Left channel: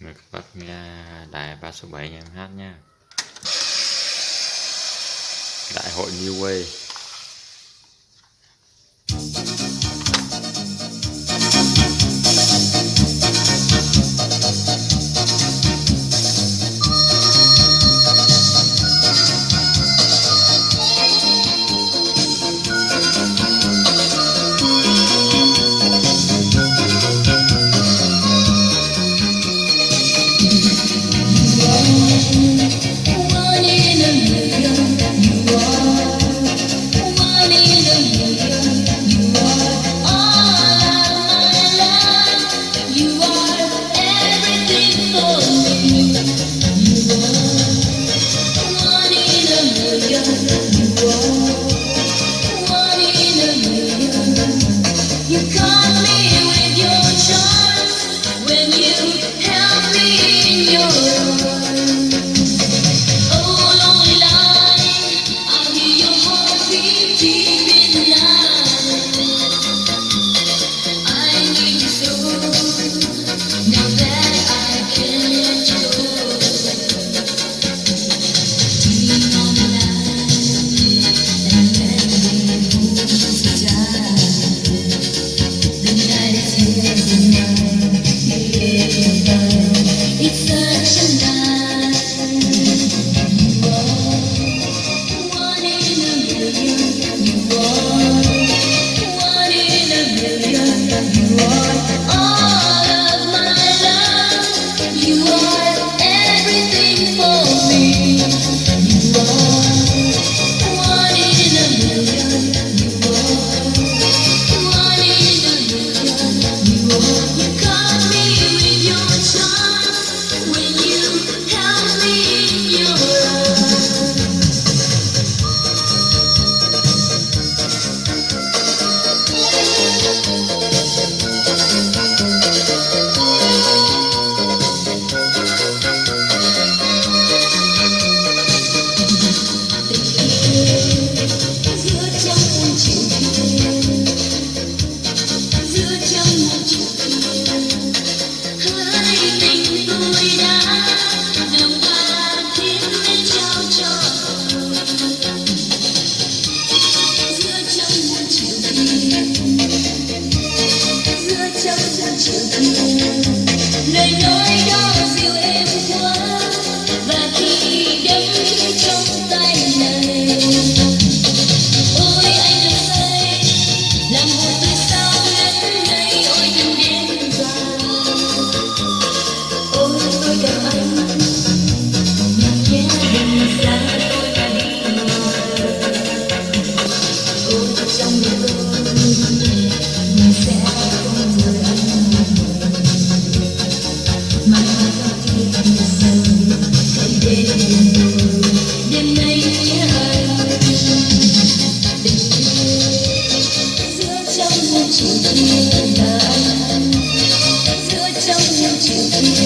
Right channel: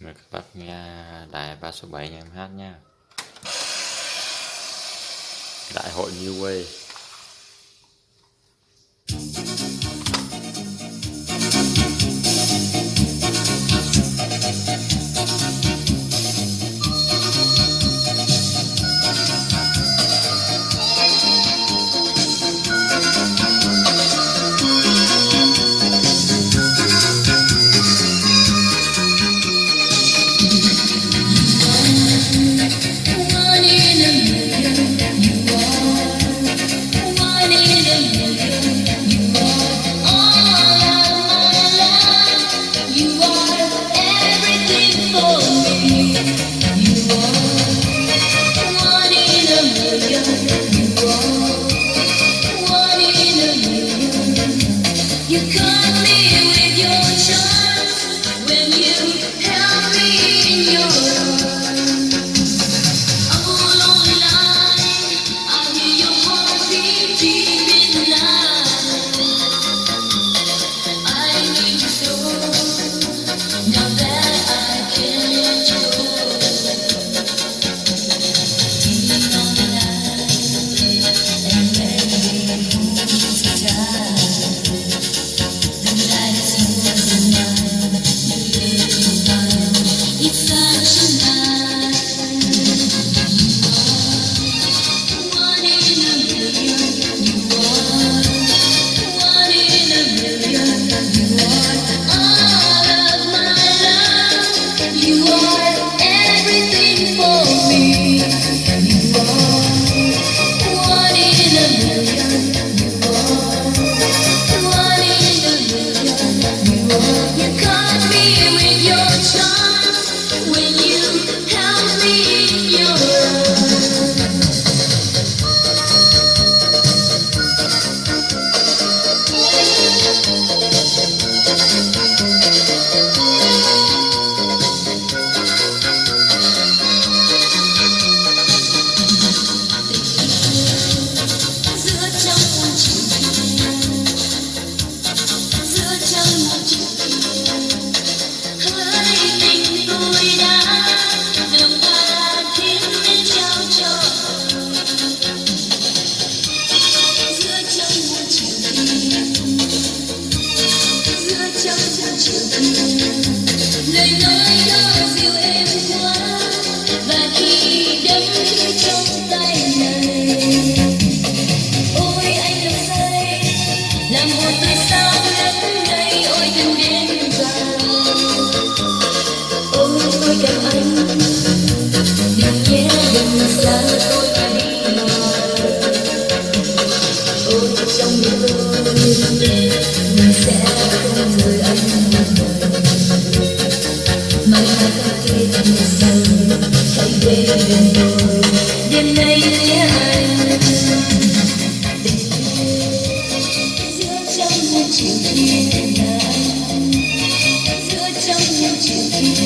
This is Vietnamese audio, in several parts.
Mời các bác nghe đài 3 số 7 nhà em hát nha. Đại hội New Way. Lời nói đó dịu êm quá và thì đắm trong tay này. Ôi anh đừng say làm hồn tôi sao ngất ngây. Ôi đừng đến gần. Ôi tôi cần anh đừng ghé gần xa tôi mà đi mờ. Ôi trong đêm tôi mình sẽ không rời anh. Đêm nay nhé anh giữa trong những chiều kia mà anh giữa trong những chiều kia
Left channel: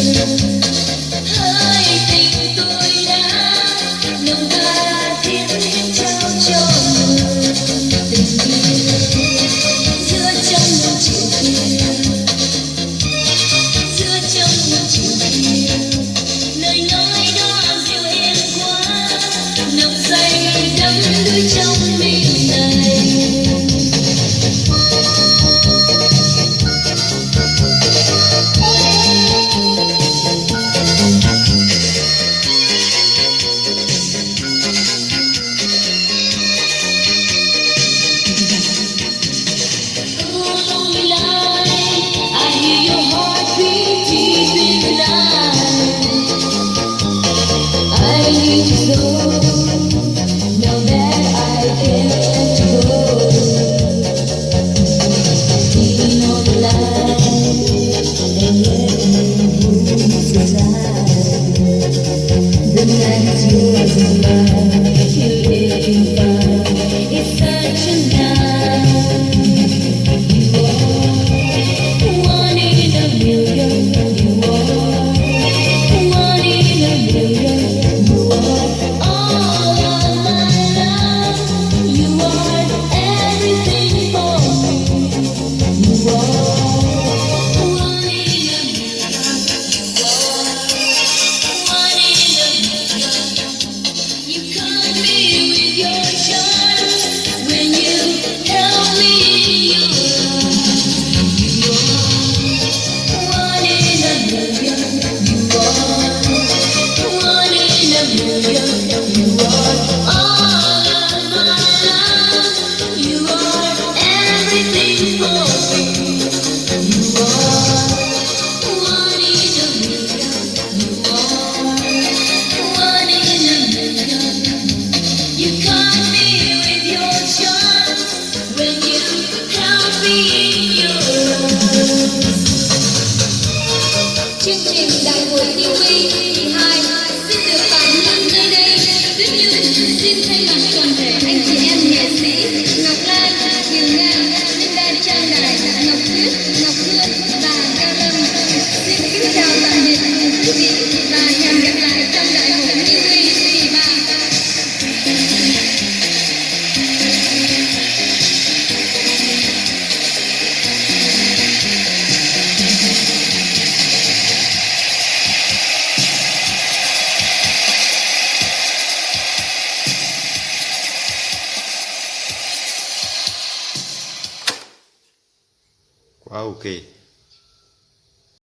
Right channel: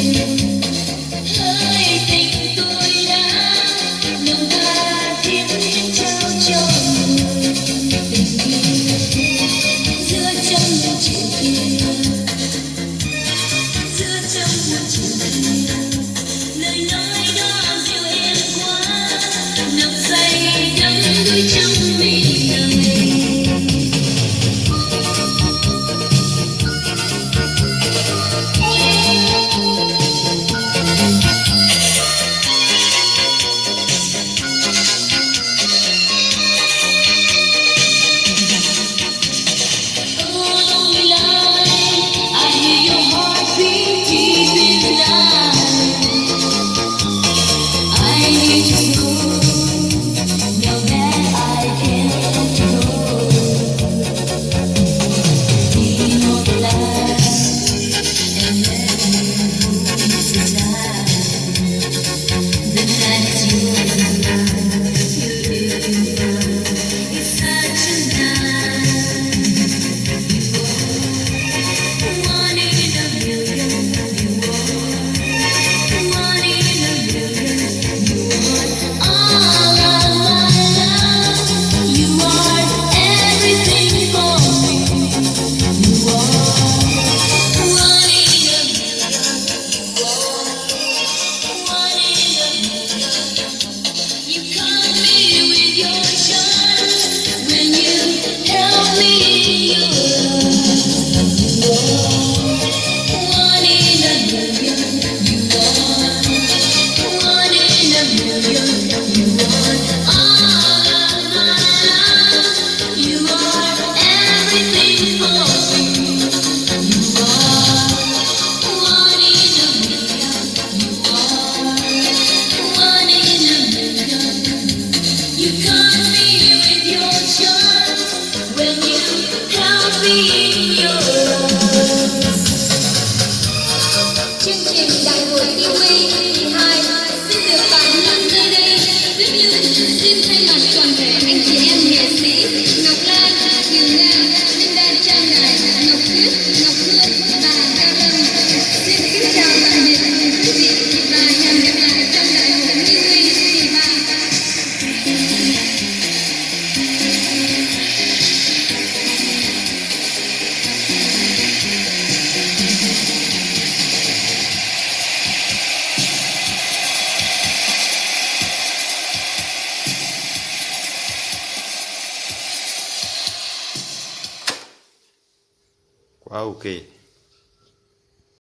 Chương trình đại hội thi Huy kỳ 2 xin được tạm ngưng nơi đây. Tiếp theo xin thay mặt toàn thể anh chị em nghệ sĩ Ngọc Lan, Hiền Nga, Linh Đan, Trang Đài, Ngọc Tuyết, Ngọc Hương và Cao Lâm xin kính chào tạm biệt quý vị và hẹn gặp lại trong đại hội thi Huy kỳ 3. Quá ok.